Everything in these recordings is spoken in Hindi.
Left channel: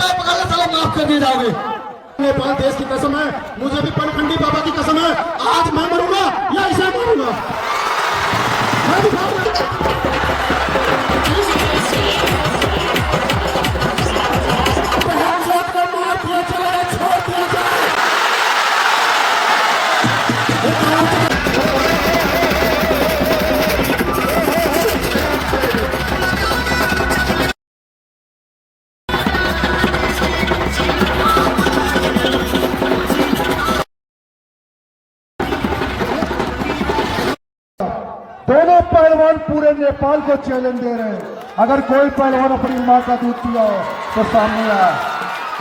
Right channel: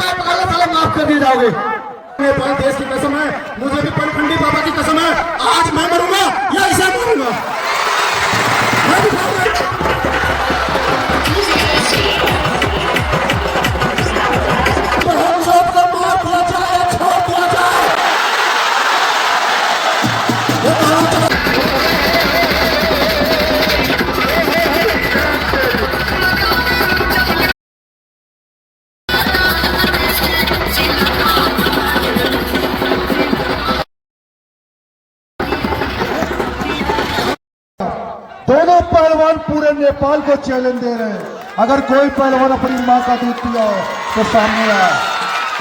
पैर पकड़ ले साला माफ कर दिए जाओगे। नेपाल देश की कसम है, मुझे भी पनखंडी बाबा की कसम है, आज मैं मरूंगा या ऐसा मरूंगा मैं दिखाऊंगा। दोनों पहलवान पूरे नेपाल को चैलेंज दे रहे हैं, अगर कोई पहलवान अपनी मां का दूध पिया हो तो सामने आए।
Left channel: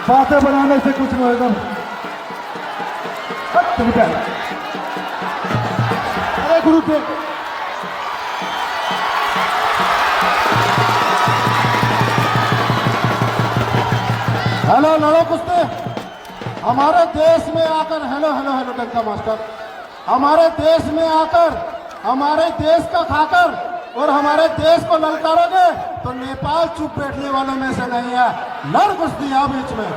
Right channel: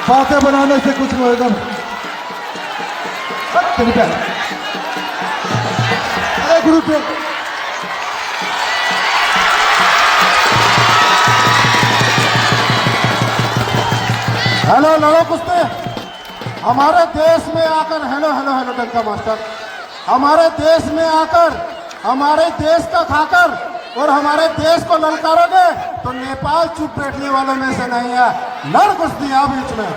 बातें बनाने से कुछ नहीं होगा। अरे गुरु को हेलो लड़ो कुश्ती। हमारे देश में आकर हेलो हेलो हेलो डंका मास्टर, हमारे देश में आकर हमारे देश का खाकर और हमारे देश को ललकारोगे तो नेपाल चुप बैठने वालों में से नहीं है। लड़ कुश्ती आ बीच में।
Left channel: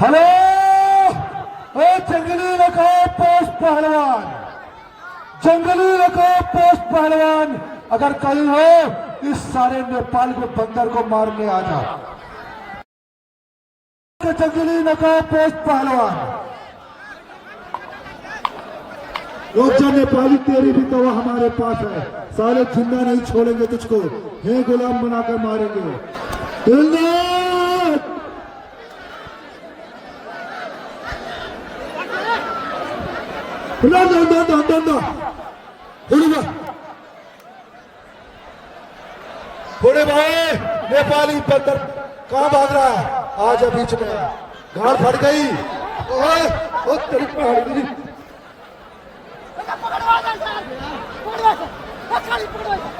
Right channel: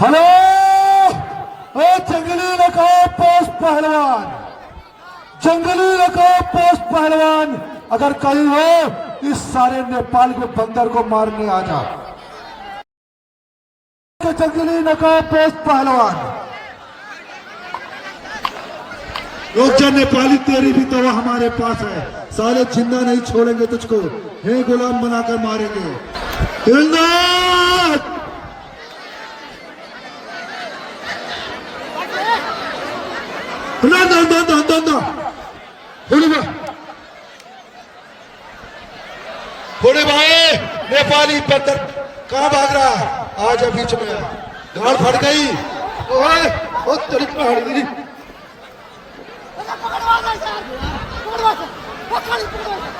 हेलो ओ जंगली नकाब पोस्ट पहलवान, जंगली नकाब पोस्ट पहलवान, अगर कहीं हो इस सारे नेपाल के बंदर को मारने आ जाओ। जंगली नकाब पोस्ट पहलवान रुक जा, नेपाली तेरी भी तो हमारे पास है, सारे जिंदा नहीं छोड़ेंगे तुझको, हे गुलाम बनाकर मारेंगे। बड़े भाई नेपाली बंदर कहां भाग रहा है? आज बीच में गाड़ फट गई। ओ तेरी पहाड़ी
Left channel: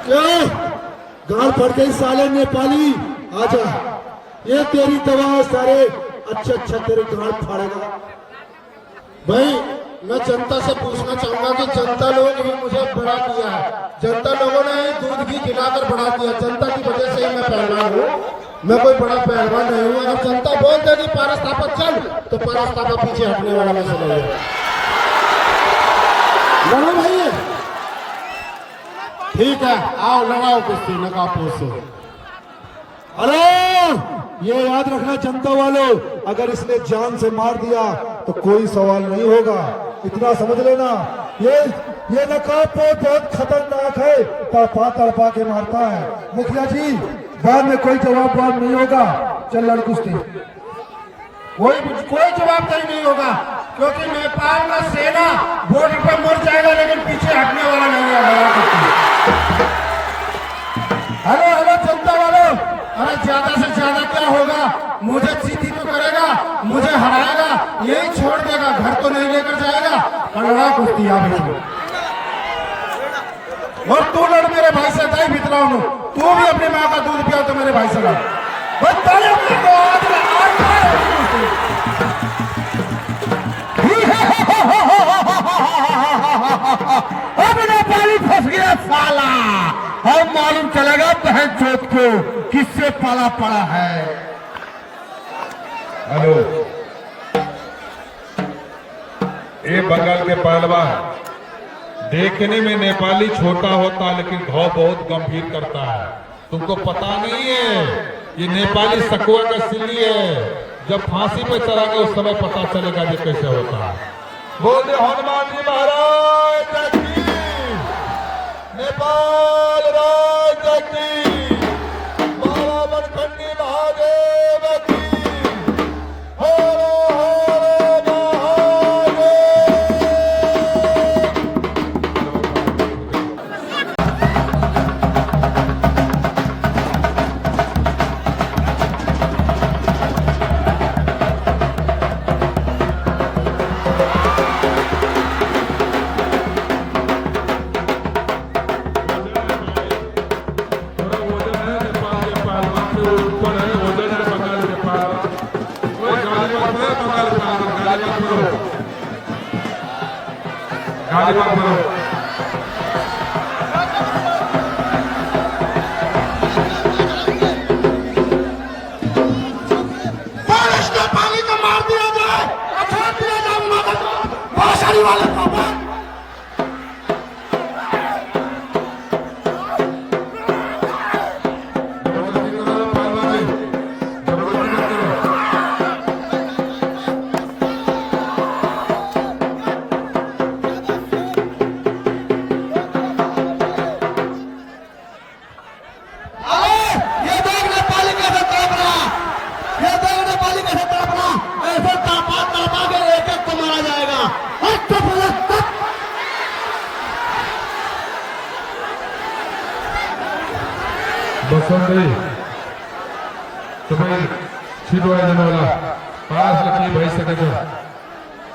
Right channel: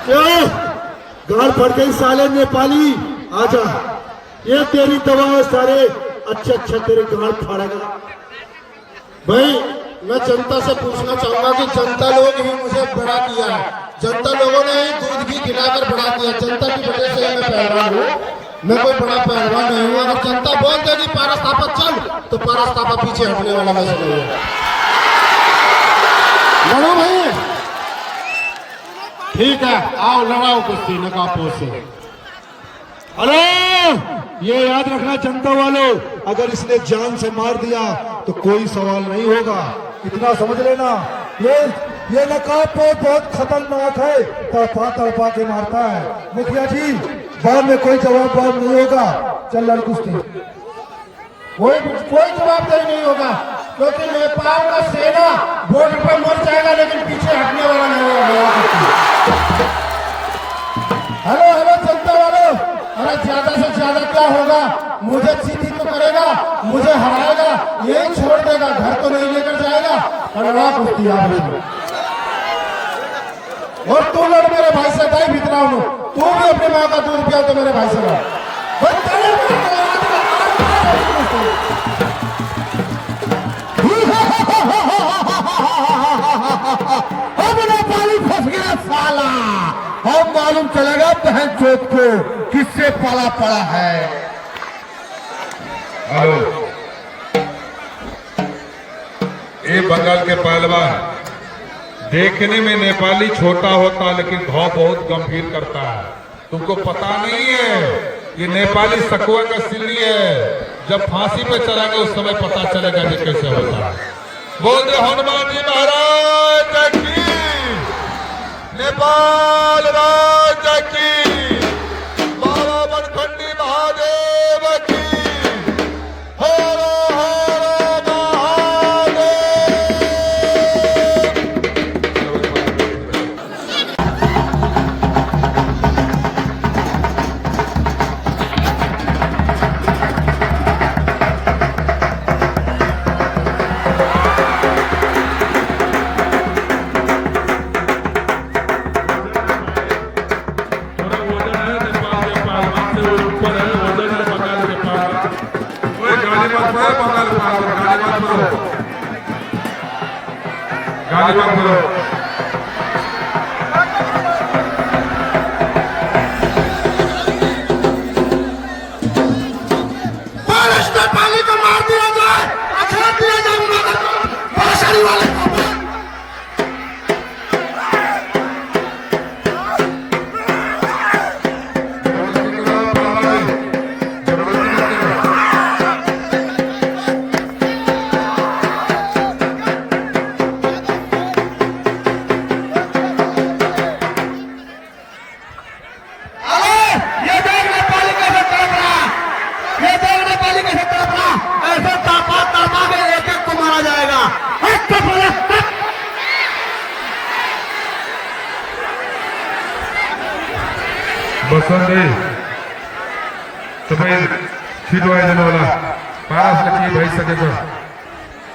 क्यों गाड़ फट गई साले नेपाली? आजा, ये तेरी दवा है, सारे अच्छा तेरे गाड़ फाड़ेगा। भाई मैं जनता से पूछना चाहूंगा कि जनता लोग ही मुझे बड़ा किया है, जनता लोगों ने ही दूध भी गिराकर बड़ा किया। जनता की वजह से ही मैं पहलवान हूँ, मैं कोई बड़ा पहलवान नहीं हूँ। अगर जनता बोल देगी पारस थापा चल तो पारस थापा पीछे हटने वाला मैं से नहीं हूँ। लड़ो भाई, ठीक है आओ लड़ाओ कुश्ती नकाब पोस्ट से। हेलो, ये याद रखना जनता वालों, अगर इसने जान से मार दिया तो कोई सवाल नहीं होगा, इतना समझ लेना। ये नकाब पोस्ट बहुत खतरनाक है, तड़पा के मारता है। मुखिया जी बाद में कोई जवाब नहीं होगा, चल लड़ कुश्ती। कोई जवाबदारी नहीं होगा क्योंकि नेपाल का सेना बॉर्डर पर मर जाएगा लेकिन पीछे हटने वाला नहीं होगा। हेलो हेलो जनता वालों, अरे ज्यादा से ज्यादा क्या होगा? मुझे चीटी तो करेगा, मुझे हराएगा, यही छोड़ देगा, घर तो नहीं लेकर जाएगा। लड़ा कुश्ती आप और तू लड़ मेरे भाई से, दाई भितराऊ नु, तू भी अपनी माँ का दूध पिया तो मेरे भाई से लड़। अब नेपाली फंस गया साला, हम मालूम चलेगा बहन चोट को किससे पाला पड़ा है। हेलो, ये बंगाल के पहलवान देखने में नेपाली छोटा होता लेकिन घाव बहुत गंभीर करता है। तुमको पता नहीं है ये नेपाली सकुआ का सिल्ली है, जब फांसी पे चढ़ाएंगे उस समय पता चलेगा ये कैसे होता है। बोल दो हनुमान जी महाराज की, नेपाल राज की, बाबा बनखंडी महादेव की, हर हर महादेव। बसंती तुम्हें छीटो है देने वाला पास लगी भाई सके तो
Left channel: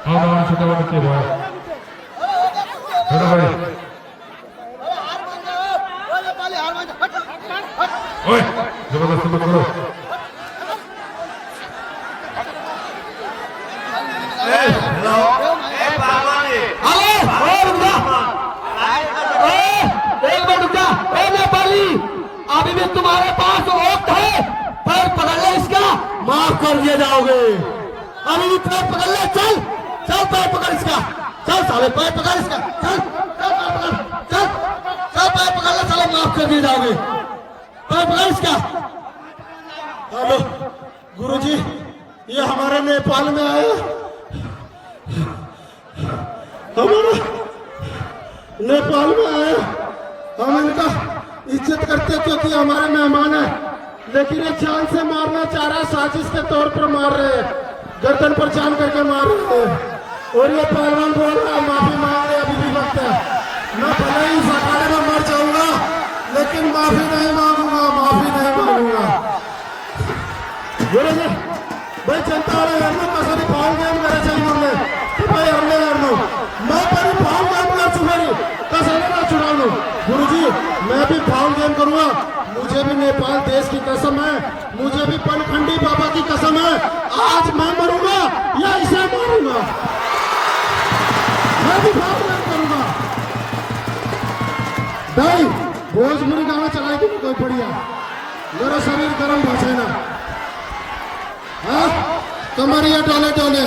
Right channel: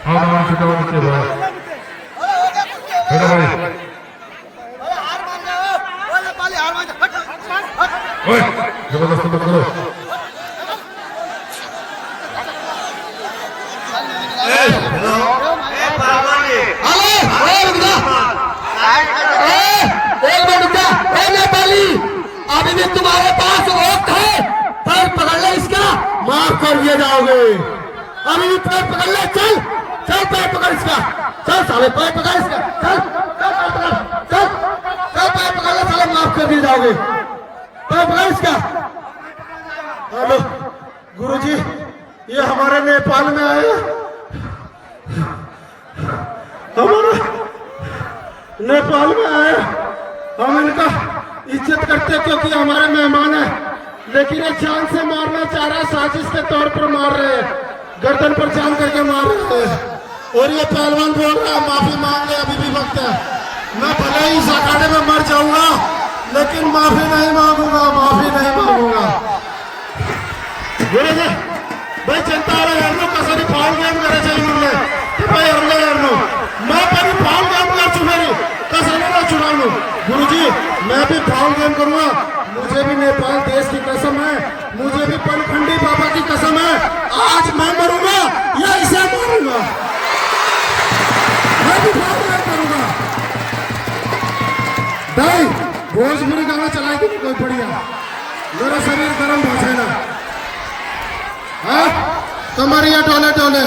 और नाम छूटा हुआ बच्चे भाई मेरा भाई ओए जबरदस्ती मत करो नेपाली अभी भी तुम्हारे पास वक्त है, पैर पकड़ ले इसका, माफ कर दिए जाओगे। अभी भी पैर पकड़ ले, चल चल पैर पकड़ इसका, चल साले पैर पकड़ इसका, चल चल पैर पकड़, चल चल पैर पकड़ ले साले, माफ कर दिए जाओगे। पैर पकड़ इसका। हेलो गुरुजी, ये हमारे नेपाल में आए, हमारा नेपाल में आए, हम इनका इज्जत करते क्योंकि हमारे मेहमान है, लेकिन ये जान से मारना चाह रहा है, साजिश के तौर पर मार रहे हैं, गर्दन पर जान करके मार रहे हैं। और ये पहलवान बोल रहा है माफी मांग ले, अभी भी वक्त है। मैं भले ही इस अखाड़े में मर जाऊंगा, लेकिन माफी नहीं मांगूंगा, माफी नहीं मांगूंगा। बोले भाई जनता वाला यार कसा फाउल गेम करे चाहिए तो भाई हरले यार मैं पर फाउल गेम कर चुके कसा ना चुनाव लो। गुरुजी मैं भी फाउल गेम करूंगा, मुझे भी नेपाल देश की कसम है, मुझे भी पनखंडी बाबा की कसम है, आज मैं मरूंगा या इसे मारूंगा, मैं भी फाउल गेम करूंगा। भाई भोजपुरी गाना चलाए कि कोई बढ़िया, मेरा शरीर गर्म भाषा ना, हाँ कमरिया टोले टोले।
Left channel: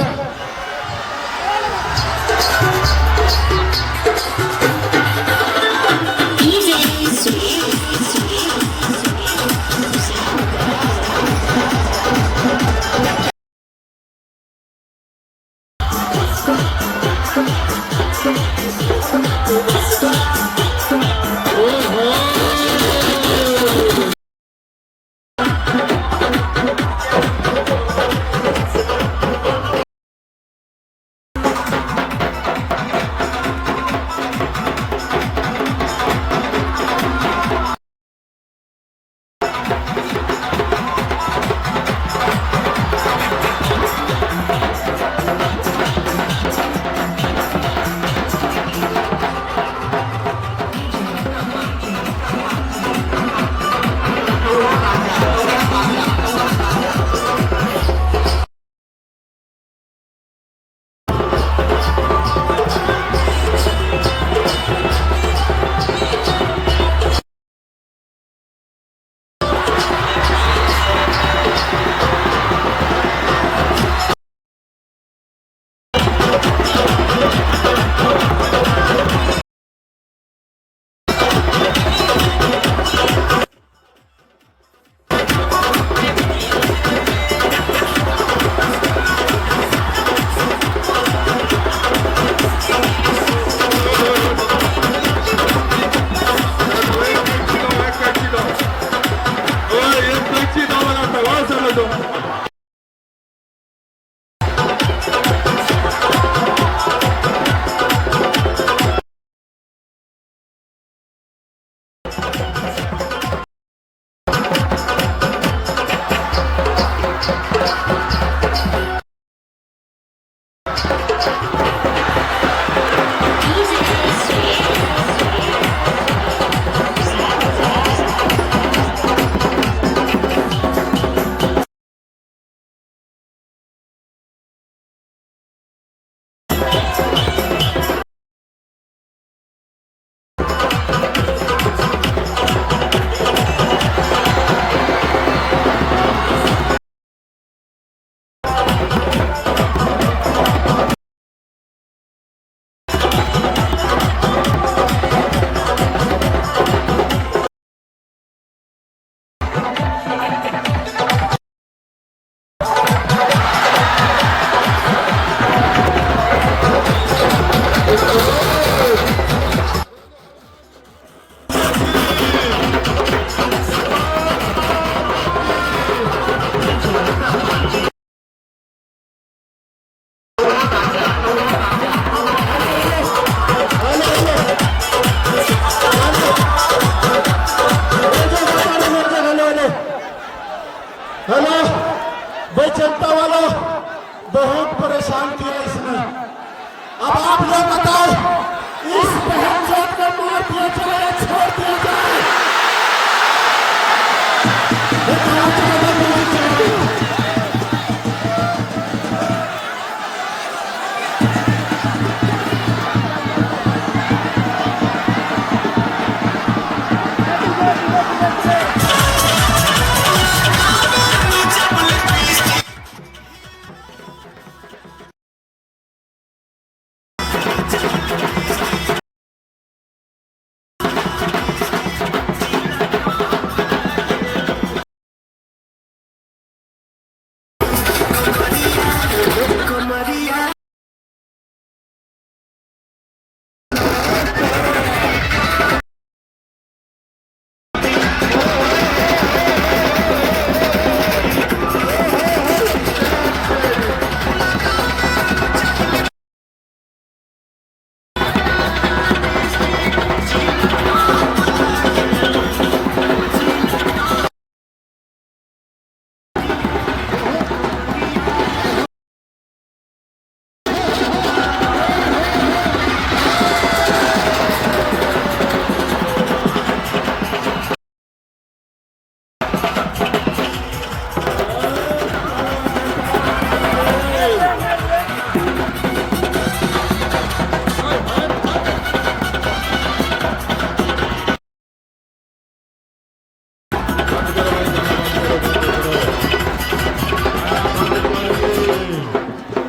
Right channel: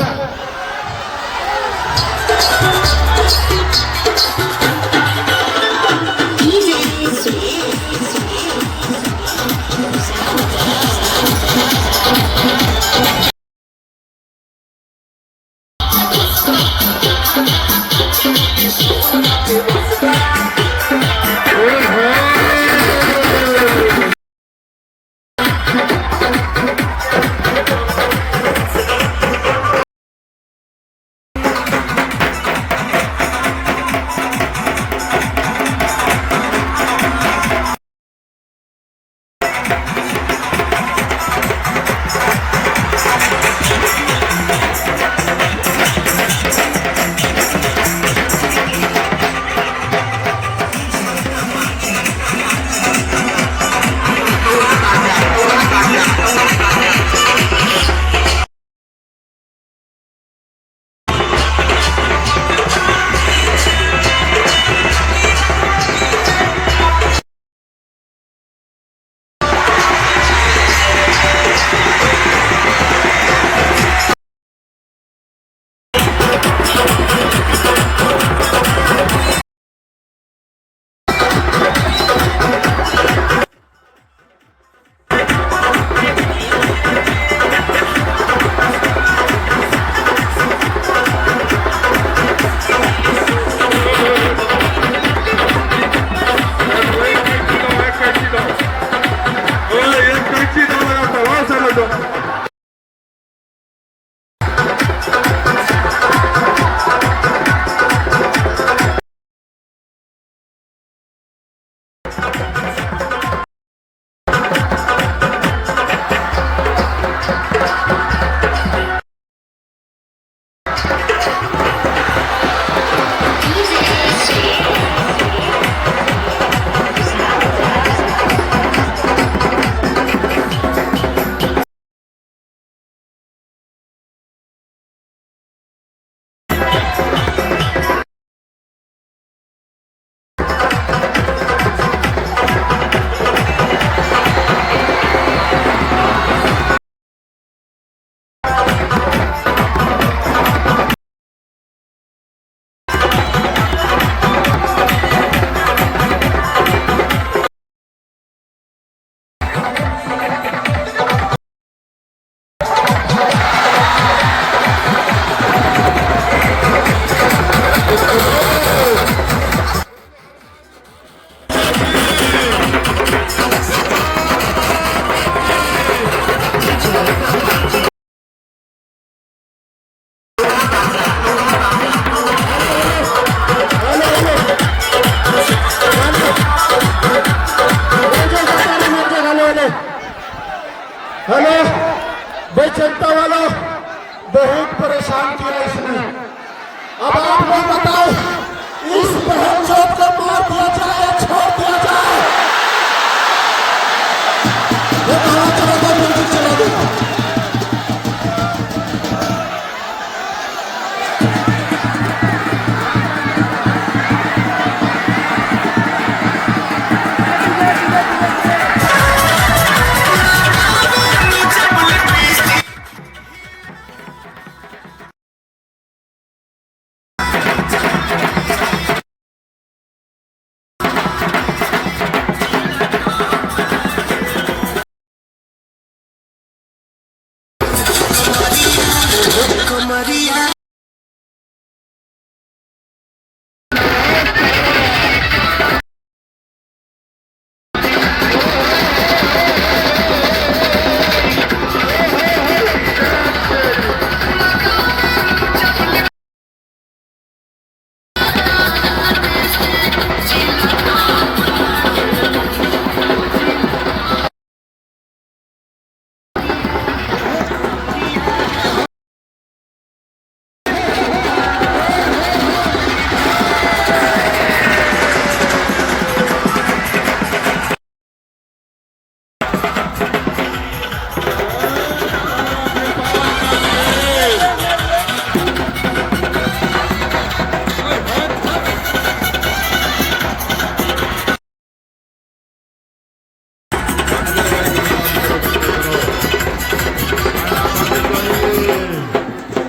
हेलो भाई, जनता वालों बहुत परेशान किया इसने। अब आप लोग बताओ, इस बहन चौथ को मार दिया जाए या छोड़ दिया जाए? ये कहाँ चलेगा, बिल्कुल चलेगा।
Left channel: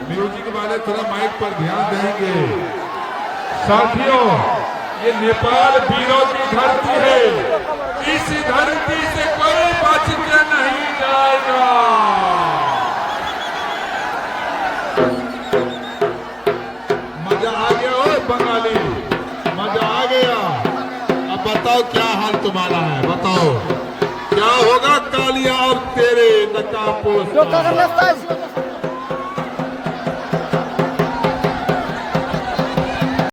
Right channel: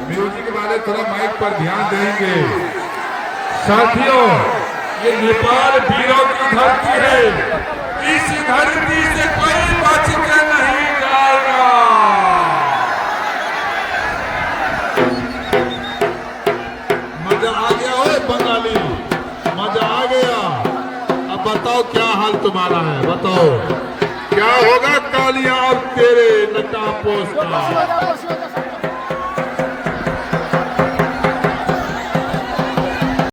म्यूजिक वाले थोड़ा माइक पर ध्यान देंगे। साथियों, ये नेपाल वीरों की धरती है। इस धरती से कोई बच के नहीं जाएगा। मजा आ गया हो बंगाली, मजा आ गया। अब बताओ क्या हाल तुम्हारा है, बताओ क्या होगा कालिया और तेरे नेता पोस्ट का।